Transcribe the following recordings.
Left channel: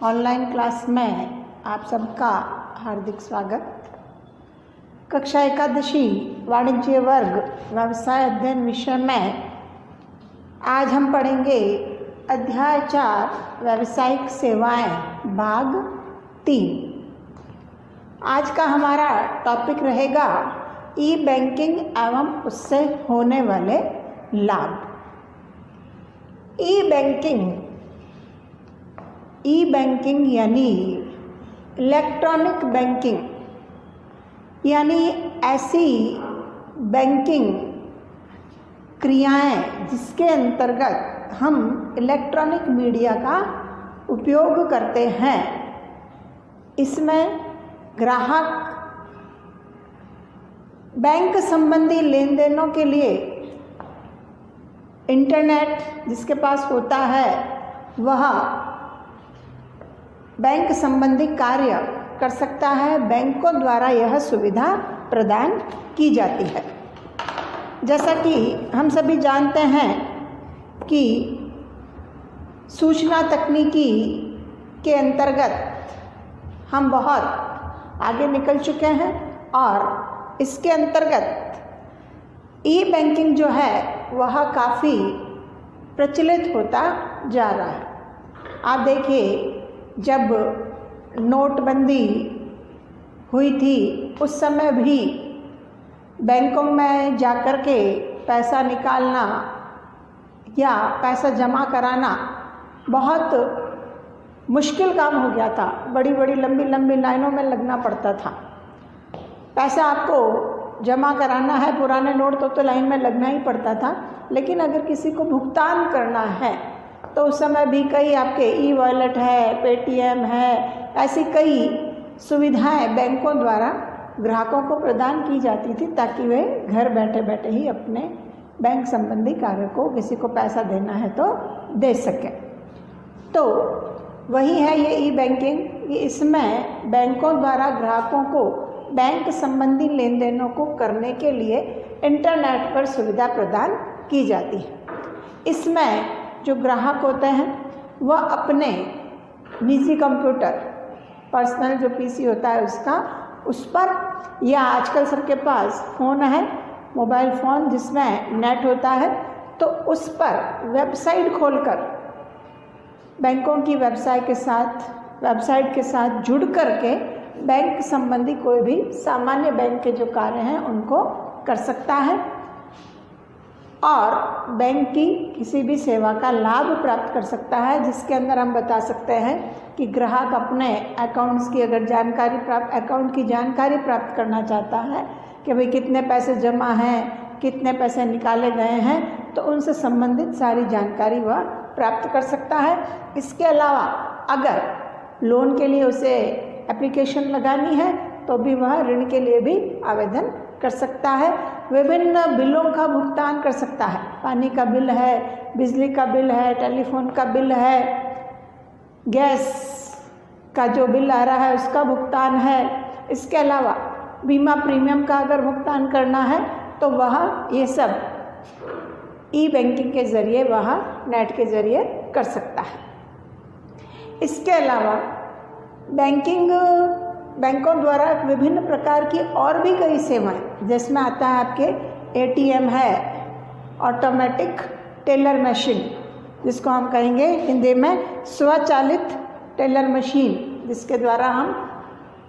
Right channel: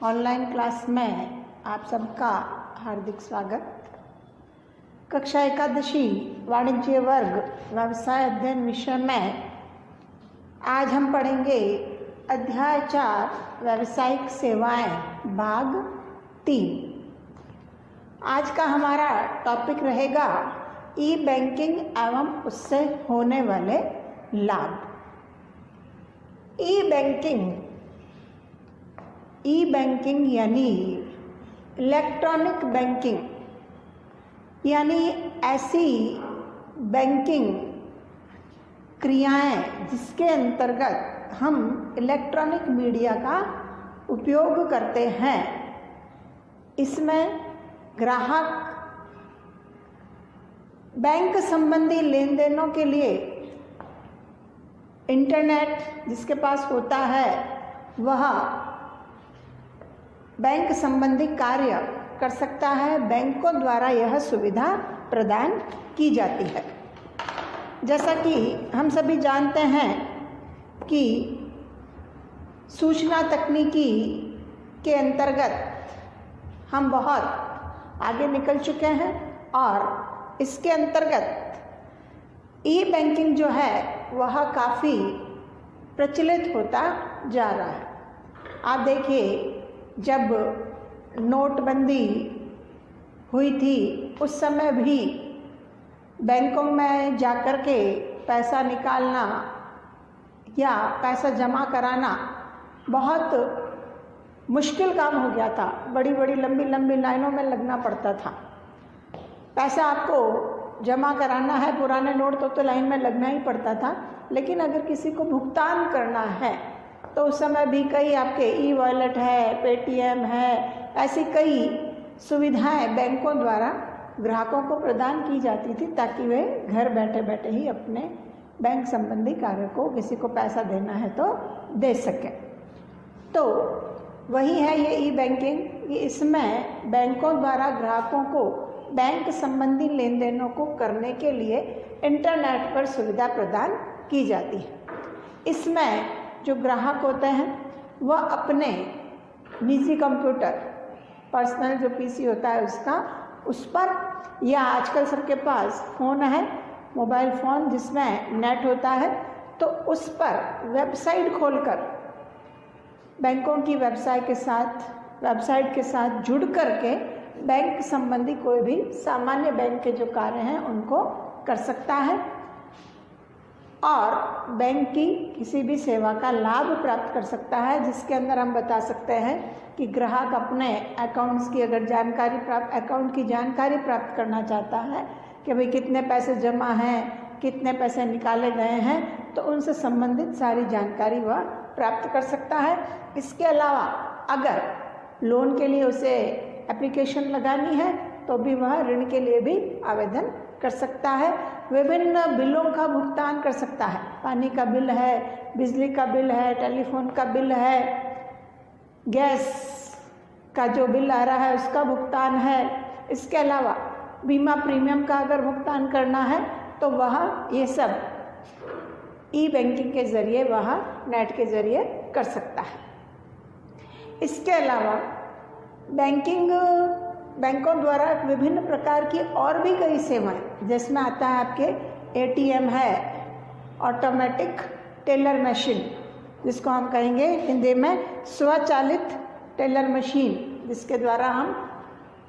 Online class में आप सबका हार्दिक स्वागत। कक्षा एकादशी वाणिज्य वर्ग व्यवसाय अध्ययन विषय में आज हम पढ़ेंगे अध्याय 4 व्यावसायिक सेवाएं भाग 3। आज का हमारा टॉपिक रहेगा ई बैंकिंग एवं उससे होने वाले लाभ। ई बैंकिंग यानी इलेक्ट्रॉनिक बैंकिंग यानी ऐसी बैंकिंग क्रियाएं जिसके अंतर्गत हम इलेक्ट्रॉनिक मीडिया का उपयोग करते हैं। इसमें ग्राहक बैंक संबंधी लेन देनों के लिए इंटरनेट जिसके पास होता है वह बैंक संबंधी कार्य कर सकता है। बैंकों द्वारा यह सुविधा प्रदान की जाती है। जैसा कि हम सभी जानते हैं कि सूचना तकनीकी के अंतर्गत हम बहुत आगे निकल चुके हैं और इसके अंतर्गत ई बैंकिंग जो है वह काफ़ी प्रचलित होता जा रहा है। आप देखिए, जब नोटबंदी हुई थी उस समय भी बैंकों में जाकर के पैसा निकालना या पैसा जमा कराना बहुत मुश्किल काम हो गया था। बड़ी बड़ी लंबी लंबी लाइनों में लगना पड़ता था। पैसा आपको जमा कराना है, पुराने नोट तो लाइन में लगना ही पड़ता था। लेकिन अगर किसी को भुगतान करना है तो उस समय भी कई आपके ई वॉलेट है, पेटीएम है, ऐसी कई सुविधाएं बैंकों द्वारा ग्राहकों को प्रदान की जाती थी ताकि वे घर बैठे बैठे ही अपने बैंक संबंधी कार्य को, किसी को पैसा देना है तो दे सकें। तो वही है ये ई बैंकिंग। इसमें बैंकों द्वारा ग्राहकों को बैंक संबंधी लेन देनों को करने के लिए इंटरनेट पर सुविधा प्रदान की जाती है। इसमें जो ग्राहक होते हैं वह अपने निजी कंप्यूटर, पर्सनल जो पीसी होता है उस पर, या आजकल सबके पास फ़ोन है, मोबाइल फ़ोन जिसमें नेट होता है, तो उस पर वेबसाइट खोलकर बैंकों की वेबसाइट के साथ जुड़ करके बैंक संबंधी कोई भी सामान्य बैंक के जो कार्य हैं उनको कर सकता है और बैंक की किसी भी सेवा का लाभ प्राप्त कर सकता है। जिसके अंदर हम बता सकते हैं कि ग्राहक अपने अकाउंट्स की अगर अकाउंट की जानकारी प्राप्त करना चाहता है कि भाई कितने पैसे जमा हैं, कितने पैसे निकाले गए हैं, तो उनसे संबंधित सारी जानकारी वह प्राप्त कर सकता है। इसके अलावा अगर लोन के लिए उसे एप्लीकेशन लगानी है तो भी वह ऋण के लिए भी आवेदन कर सकता है। विभिन्न बिलों का भुगतान कर सकता है। पानी का बिल है, बिजली का बिल है, टेलीफोन का बिल है, गैस का जो बिल आ रहा है उसका भुगतान है। इसके अलावा बीमा प्रीमियम का अगर भुगतान करना है तो वह ये सब ई बैंकिंग के ज़रिए वह नेट के ज़रिए कर सकता है। इसके अलावा बैंकों द्वारा विभिन्न प्रकार की और भी कई सेवाएं, जिसमें आता है आपके एटीएम है, ऑटोमेटिक टेलर मशीन जिसको हम कहेंगे हिंदी में स्वचालित टेलर मशीन, जिसके द्वारा हम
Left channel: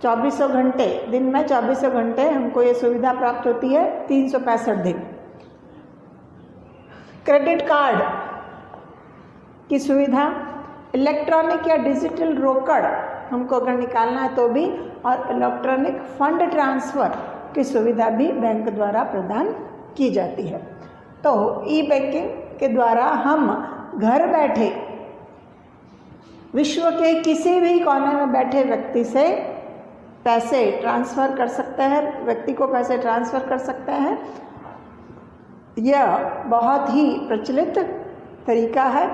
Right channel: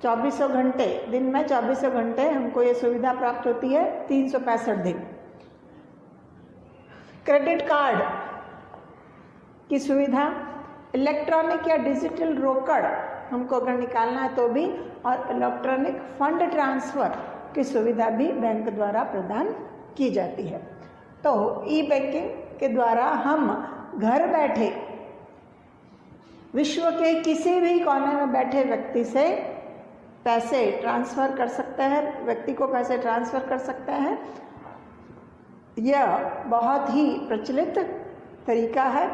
24 घंटे दिन में 24 घंटे हमको ये सुविधा प्राप्त होती है 365 दिन। क्रेडिट कार्ड की सुविधा, इलेक्ट्रॉनिक या डिजिटल रोकड़ हमको अगर निकालना है तो भी, और इलेक्ट्रॉनिक फंड ट्रांसफ़र की सुविधा भी बैंक द्वारा प्रदान की जाती है। तो ई बैंकिंग के द्वारा हम घर बैठे विश्व के किसी भी कोने में बैठे व्यक्ति से पैसे ट्रांसफ़र कर सकते हैं, व्यक्ति को पैसे ट्रांसफ़र कर सकते हैं। यह बहुत ही प्रचलित तरीका है।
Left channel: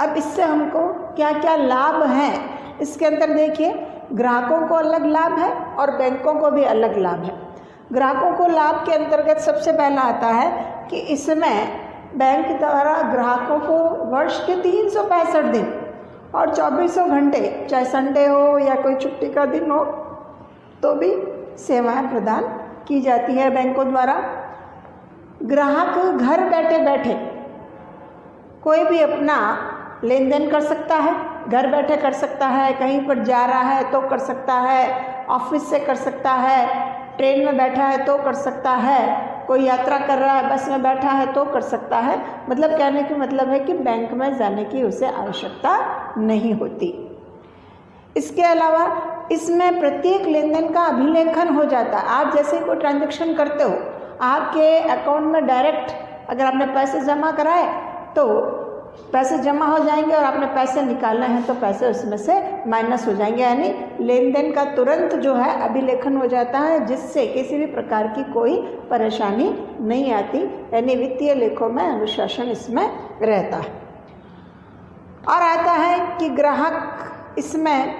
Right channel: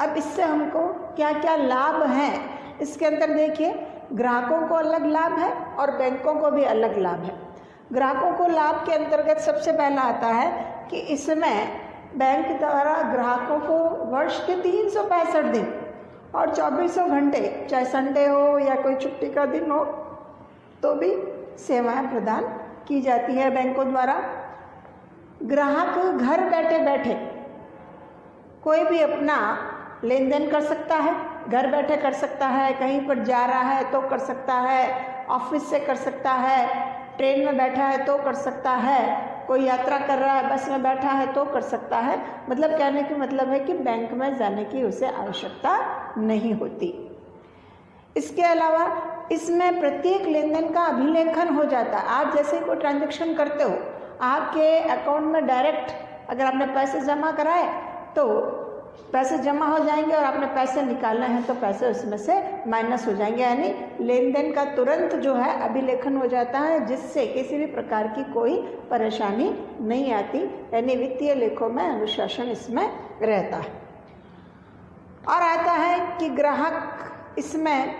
अब इससे हमको क्या क्या लाभ हैं इसके अंदर देखिए। ग्राहकों को अलग लाभ है और बैंकों को भी अलग लाभ है। ग्राहकों को लाभ के अंतर्गत सबसे पहला आता है कि इसमें बैंक द्वारा ग्राहकों को वर्ष के 365 दिन और 24 घंटे, चाहे संडे हो या कोई छुट्टी का दिन हो, तो भी सेवाएं प्रदान की जाती है बैंकों द्वारा। ग्राहक घर बैठे बैठे कोई भी अपना लेन देन कर सकता है, घर बैठे कर सकता है, कहीं पर जा रहा है तो कर सकता है, ऑफिस से कर सकता है, ट्रेन में बैठा है तो कर सकता है, कोई यात्रा कर रहा है, बस में बैठा है तो कर सकता है। मतलब कहने का मतलब है कि बैंक में जाने की उसे आवश्यकता नहीं होती। इसके अलावा इसमें प्रत्येक लेन देन का अभिलेखन हो जाता है। आप जैसे कोई ट्रांजैक्शन करते हो, आपके अकाउंट में डायरेक्ट अगर आपने पैसे जमा कराए तो पैसे जमा हो जाएंगे, और आपने पैसे निकालने हैं तो पैसे उसमें से माइनस हो जाएंगे, यानी लेन देन का तुरंत जो है अभिलेखन हो जाता है, जिससे किसी भी प्रकार की कोई परेशानी नहीं आती, यानी वित्तीय लेखों में अनुशासन इसमें रहता है। और आता है कि ग्राहक इसमें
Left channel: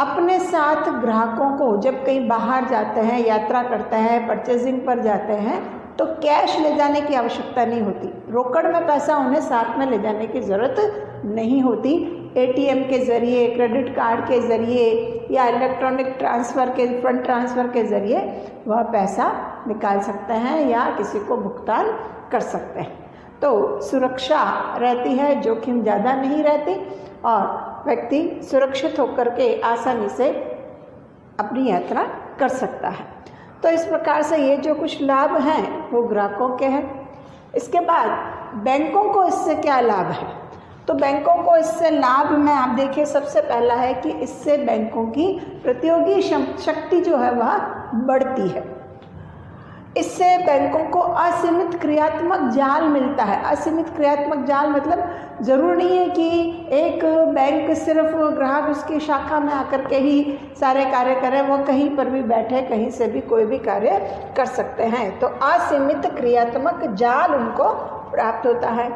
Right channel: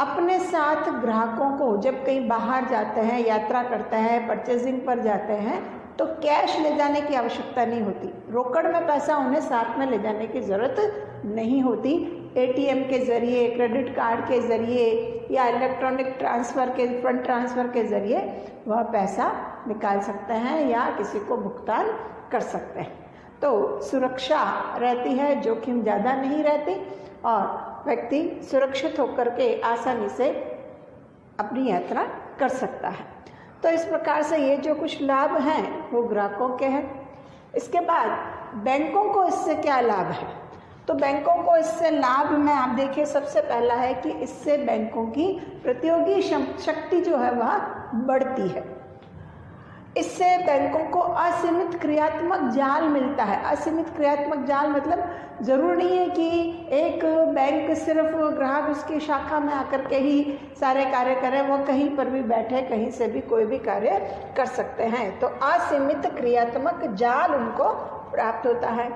अपने साथ ग्राहकों को जब कहीं बाहर जाते हैं, यात्रा करते हैं, परचेजिंग पर जाते हैं, तो कैश ले जाने की आवश्यकता नहीं होती। रोकड़ में पैसा उन्हें साथ में ले जाने की ज़रूरत नहीं होती। एटीएम के ज़रिए, क्रेडिट कार्ड के ज़रिए या इलेक्ट्रॉनिक ट्रांसफ़र के, फंड ट्रांसफ़र के ज़रिए वह पैसा निकाल सकते हैं या किसी को भुगतान कर सकते हैं। तो सुरक्षा रहती है, जोखिम ज़्यादा नहीं रहती, और व्यक्ति सुरक्षित होकर के आसानी से अपनी यात्रा कर सकता है। तो इस प्रकार से ये जो कुछ लाभ हैं वो ग्राहकों के हैं। इसके बाद बैंकों को इससे क्या लाभ है? तो बैंकों को इससे लाभ में आप देखिए, सबसे पहला है कि इससे बैंकों की प्रतियोगी शक्ति जो है वह बढ़ती है। इससे बैंकों को असीमित क्रियात्मक जाल मिलता है। असीमित क्रियात्मक जाल मतलब ज़रूर नहीं है कि एक बैंक सिर्फ ग्राहक उसकी शाखा में आकर के ही सारे कार्य करे, वो कहीं पर भी बैठे कहीं से भी कोई भी कार्य कर सकते हैं। तो असीमित क्रियात्मक जाल उनको प्राप्त होता है।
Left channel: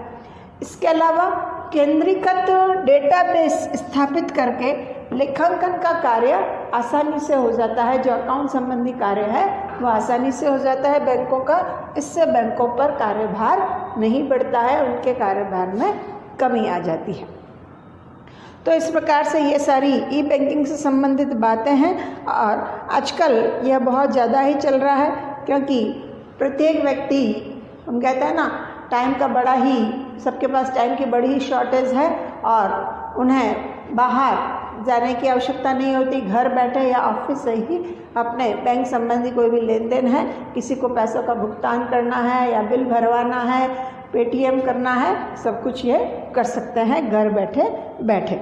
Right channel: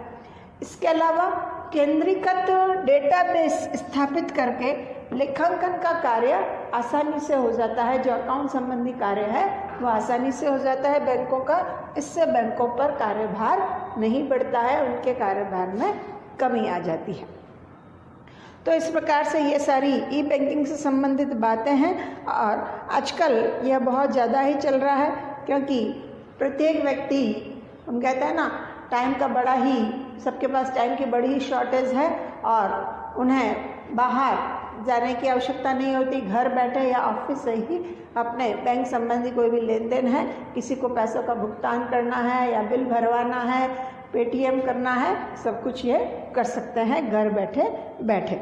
इसके अलावा केंद्रीकृत डेटाबेस स्थापित करके लेखांकन का कार्य आसानी से हो जाता है। जो अकाउंट संबंधी कार्य है वो आसानी से हो जाता है बैंकों का। इससे बैंकों पर कार्यभार नहीं बढ़ता है, उनके कार्यभार में कमी आ जाती है। तो इस प्रकार से ये सारी ई बैंकिंग से संबंधित बातें हैं, और आजकल यह बहुत ज़्यादा ही चल रहा है, क्योंकि प्रत्येक व्यक्ति, हम कहते हैं ना, टाइम का बड़ा ही, सबके पास टाइम की बड़ी ही शॉर्टेज है, और उन्हें बाहर जाने की आवश्यकता नहीं होती। घर बैठे या ऑफिस से ही अपने बैंक संबंधी कोई भी लेन देन है, किसी को पैसों का भुगतान करना है या बिल भरवाना है, पेटीएम करना है, सब कुछ ये कर सकते हैं घर बैठे बैठे।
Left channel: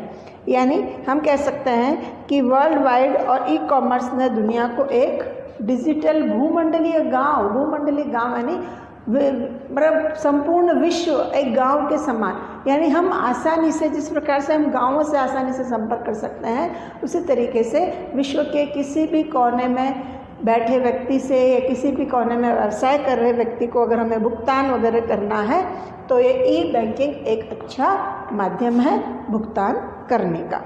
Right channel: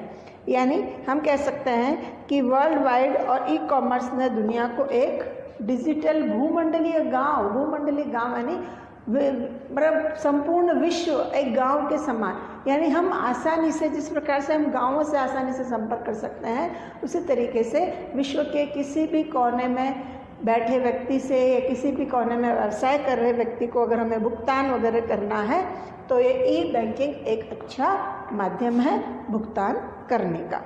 यानी हम कह सकते हैं कि वर्ल्ड वाइड और ई कॉमर्स ने दुनिया को एक डिजिटल भूमंडलीय गांव यानी मतलब संपूर्ण विश्व एक गांव के समान, यानी हम आसानी से, जिस प्रकार से हम गांवों से आसानी से संपर्क कर सकते हैं, उसी तरीके से विश्व के किसी भी कोने में बैठे व्यक्ति से या किसी भी कोने में व्यवसाय कर रहे व्यक्ति को अगर हमें भुगतान वगैरह करना है तो ये ई बैंकिंग एक अच्छा माध्यम है भुगतान करने का।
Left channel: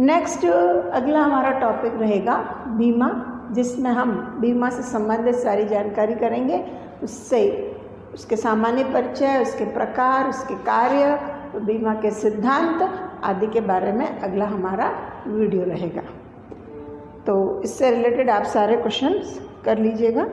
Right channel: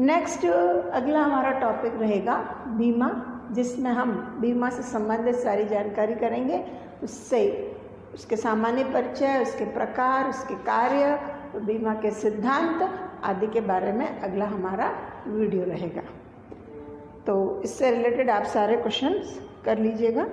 नेक्स्ट अगला हमारा टॉपिक रहेगा बीमा, जिसमें हम बीमा से संबंधित सारी जानकारी करेंगे। उससे उसके सामान्य परिचय, उसके प्रकार, उसके कार्य, बीमा के सिद्धांत आदि के बारे में अगला हमारा वीडियो रहेगा। तो इससे रिलेटेड आप सारे क्वेश्चंस कर लीजिएगा।